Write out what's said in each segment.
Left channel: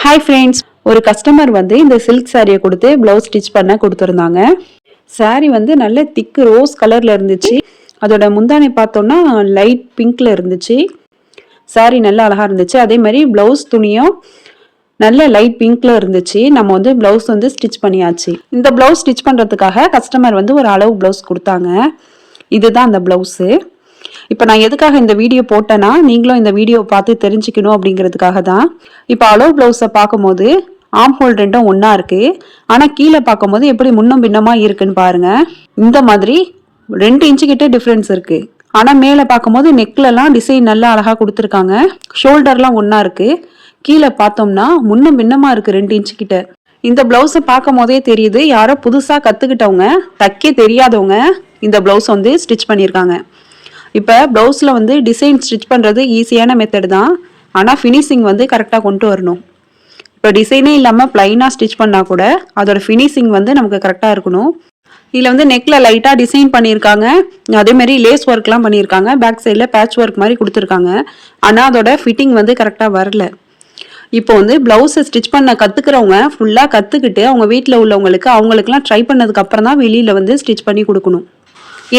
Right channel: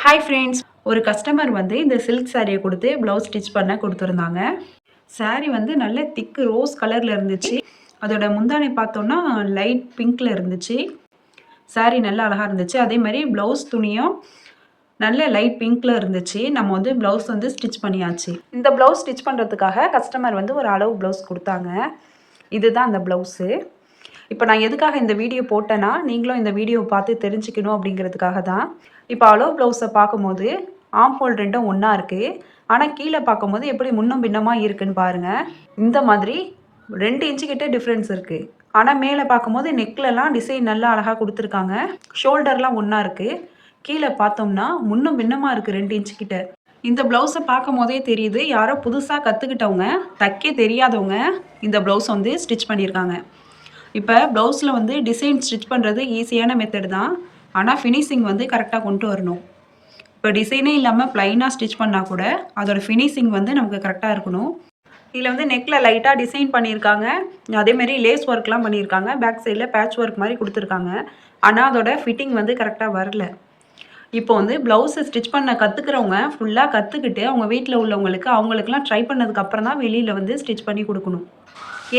Hi friends, ஒரு customer வந்து இந்த சில்க் சாரியை கொடுத்து ப்ளவுஸ் ஸ்டிச் பண்ண கொடுத்துருந்தாங்க. சாரி வந்து நல்ல திக்கு ரோஸ் கலரில் இருந்துச்சு. அதோட முந்தானை பார்த்தோன்னா லைட் பிங்க்ல இருந்துச்சு. சாரி நல்லா அழகாக இருந்துச்சு. அதே மாதிரி ப்ளவுஸ் துணியும் நல்ல லைட் பிங்க்ல இருந்துச்சு. நம்ம வந்து ப்ளவுஸ் வந்து ஸ்டிச் பண்ணியாச்சு. இந்த ப்ளவுஸ் ஸ்டிச் பண்ணுறதுக்காக கஸ்டமர் வந்து ஒரு அளவு ப்ளவுஸ் கொடுத்தாங்க. இதுதான் அந்த ப்ளவுஸு. இப்போ நான் எதுக்காக இந்த வீடியோ போட்டேன்னா, நீங்களும் இந்த வீடியோ பார்த்து தெரிஞ்சுக்கணும் அப்படிங்கிறதுக்காக தான். இப்போ அளவு ப்ளவுஸை பார்க்கும்போது ஆம் ஹோல் ரெண்டும் ஒன்றா இருக்குது. ஆனால் கீழே பார்க்கும்போது எப்படி முன்னும் பின்னமாக இருக்குன்னு பாருங்கள். இந்த மாதிரி 2 இன்ச்சு கிட்டே டிஃப்ரென்ஸ் இருக்குது. ஆனால் மேலே பார்க்கும்போது நெக்லலாம் டிசைன் நல்லா அழகாக கொடுத்துருக்காங்க. ஷோல்டர்லாம் ஒன்றா இருக்குது. கீழே பார்த்தோம்னா முன்னும் பின்னமாக இருக்குது 2 இன்ச்சு கிட்ட. இந்த ப்ளவுஸை பார்க்கும் போதே தெரியுது யாரோ புதுசாக கற்றுக்கிட்டவங்க, தைக்க தெரியாதவங்க இந்த ப்ளவுஸ் வந்து ஸ்டிச் பண்ணியிருக்காங்க. இப்போ ப்ளவுஸில் வந்து டிசைன் ஸ்டிச் பண்ணுறது ஈஸியான மெத்தட் தான். ஆனால் ஃபினிஷிங் வந்து கரெக்டாக கொண்டு வரணும். இப்போ டிசைனே இல்லாமல் ப்ளைனாக ஸ்டிச் பண்ணால் கூட அதோட ஃபினிஷிங் வந்து நமக்கு கரெக்டாக இருக்கணும். இதில் வந்து நெக்கில் லைட்டாக டிசைன் பண்ணியிருக்காங்க. அதேமாதிரி லேஸ் ஒர்க்லாம் பண்ணியிருக்காங்க. பேக் சைடில் பேட்ச் ஒர்க் மாதிரி கொடுத்துருக்காங்க. ஆனால் அதோட ஃபிட்டிங் வந்து கரெக்டாக வரல. இப்போ வந்து ப்ளவுஸை ஸ்டிச் பண்ண கற்றுக்கிறவங்க ஃபுல்லாக கற்றுக்கிட்டு அவங்க வீட்டில் உள்ளவங்களுக்கு அவங்களுக்குலாம் ட்ரை பண்ணதுக்கு அப்புறம் தான் வெளியில் வந்து ஸ்டிச் பண்ணி கொடுக்கணும்.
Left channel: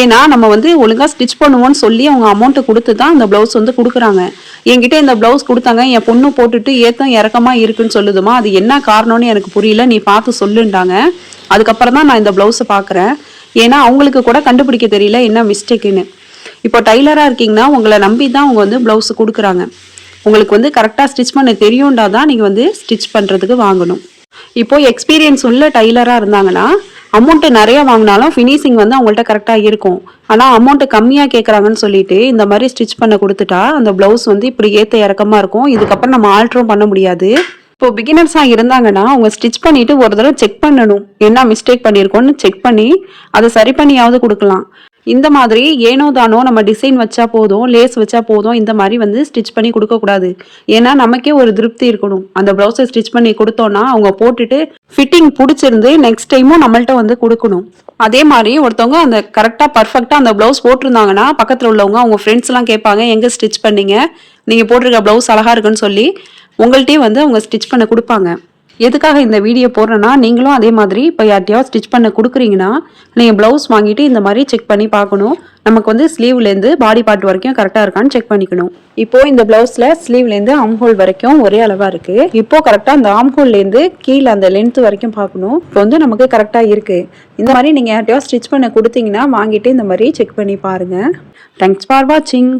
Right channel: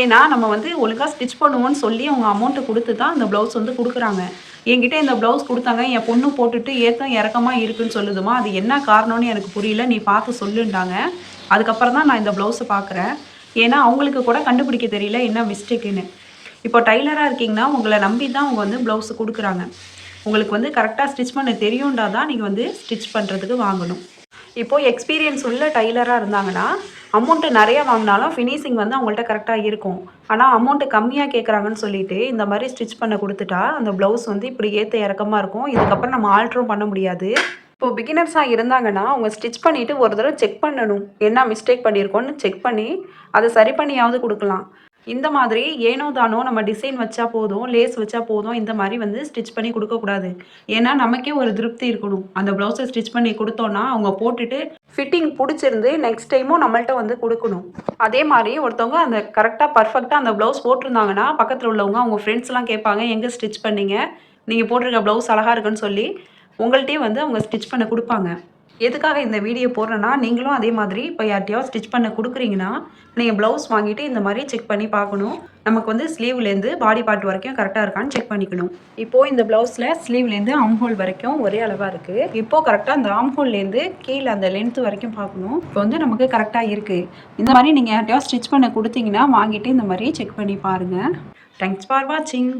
ஏன்னா நம்ம வந்து ஒழுங்காக ஸ்டிச் பண்ணுவோன்னு சொல்லி அவங்க அமௌண்ட்டு கொடுத்து தான் அந்த ப்ளவுஸ் வந்து கொடுக்குறாங்க. என்கிட்ட இந்த ப்ளவுஸ் கொடுத்தாங்க, என் பொண்ணு போட்டுட்டு ஏத்தம் இறக்கமாக இருக்குன்னு சொல்லுதுமா, அது என்ன காரணம்னு எனக்கு புரியல, நீ பார்த்து சொல்லுண்டாங்க. அதுக்கப்புறம் தான் நான் இந்த ப்ளவுஸை பார்க்குறேன். ஏன்னா அவங்களுக்கு கூட கண்டுபிடிக்க தெரியல என்ன மிஸ்டேக்குன்னு. இப்போ டைலராக இருக்கீங்கன்னா உங்களை நம்பி தான் அவங்க வந்து ப்ளவுஸ் கொடுக்குறாங்க. உங்களுக்கு வந்து கரெக்டாக ஸ்டிச் பண்ண தெரியும்டா தான் நீங்கள் வந்து ஸ்டிச் பண்ணுறதுக்கு வாங்கணும். இப்போது எக்ஸ்பீரியன்ஸ் உள்ள டைலராக இருந்தாங்கன்னா அமௌண்ட்டு நிறையா வாங்கினாலும் ஃபினிஷிங் வந்து அவங்கள்ட்ட கரெக்டாக இருக்கும். ஆனால் அமௌண்ட்டு கம்மியாக கேட்குறாங்கன்னு சொல்லிட்டு இந்த மாதிரி ஸ்டிச் பண்ண கொடுத்துட்டா அந்த ப்ளவுஸ் வந்து இப்படி ஏற்ற இறக்கமாக இருக்கும். இதுக்கப்புறம் நம்ம ஆல்ட்ரும் பண்ண முடியாது. இப்போ பிகினர்ஸாக இருந்தாங்கன்னா அவங்க ஸ்டிச் பண்ணிவிட்டு ஒரு தடவை செக் பண்ணணும், என்ன மிஸ்டேக் பண்ணியிருக்கோன்னு செக் பண்ணி அதை சரி பண்ணியாவது கொடுக்கலாம். இந்த மாதிரி ஏனோ தானோ நம்ம டிசைன் வச்சா போதும், லேஸ் வச்சா போதும், இந்த மாதிரி வந்து ஸ்டிச் பண்ணி கொடுக்கக்கூடாது. ஏன்னா நமக்கே ஒரு திருப்தி இருக்கணும். அந்த ப்ளவுஸை ஸ்டிச் பண்ணி கொடுத்தோன்னா அவங்க போட்டுட்டு ஃபிட்டிங் பிடிச்சிருந்து நெக்ஸ்ட் டைமும் நம்மள்ட்ட வந்து கொடுக்கணும். அதே மாதிரி ஒருத்தவங்க அந்த கரெக்டாக பர்ஃபெக்டாக அந்த ப்ளவுஸ் போட்டிருந்தாங்கன்னா பக்கத்தில் உள்ளவங்க அவங்க ஃப்ரெண்ட்ஸ்லாம் கேட்பாங்க, எங்கே ஸ்டிச் பண்ணீங்க, நீங்கள் போட்டிருக்க ப்ளவுஸ் அழகாக இருக்குன்னு சொல்லி உங்கள்கிட்டயே வந்து அவங்க ஸ்டிச் பண்ண கொடுப்பாங்க. எதுக்காக இந்த வீடியோ போடுறேன்னா, நீங்களும் அதே மாதிரி இப்போ யார்ட்டையாவது ஸ்டிச் பண்ண கொடுக்குறீங்கன்னா நீங்கள் ப்ளவுஸ் வாங்கிட்டு இந்த மாதிரி செக் பண்ணி பார்க்கணும். நமக்கு வந்து ஸ்லீவ்லேருந்து பாடி பார்ட் வரைக்கும் கரெக்டாக இருக்கான்னு செக் பண்ணிக்கணும். இப்போது இந்த ப்ளவுஸில் ஸ்லீவ்லேருந்து ஆம்ஹோல் வரைக்கும் ஒரே அளவாக இருக்குது. இப்போது கரெக்டாக அந்த ஆம்ஹோல்லேருந்து கீழே அந்த லென்த் வரைக்கும் பார்க்கணும். இப்போ வந்து நமக்கு கரெக்டாக இருக்குது. இந்த மாதிரி நீங்கள் யார்ட்டையாவது ஸ்டிச் பண்ண கொடுத்தீங்கன்னா வாங்கிட்டு இந்த மாதிரி செக் பண்ணி பாருங்கள். தேங்க்ஸ் ஃபார் வாட்சிங்.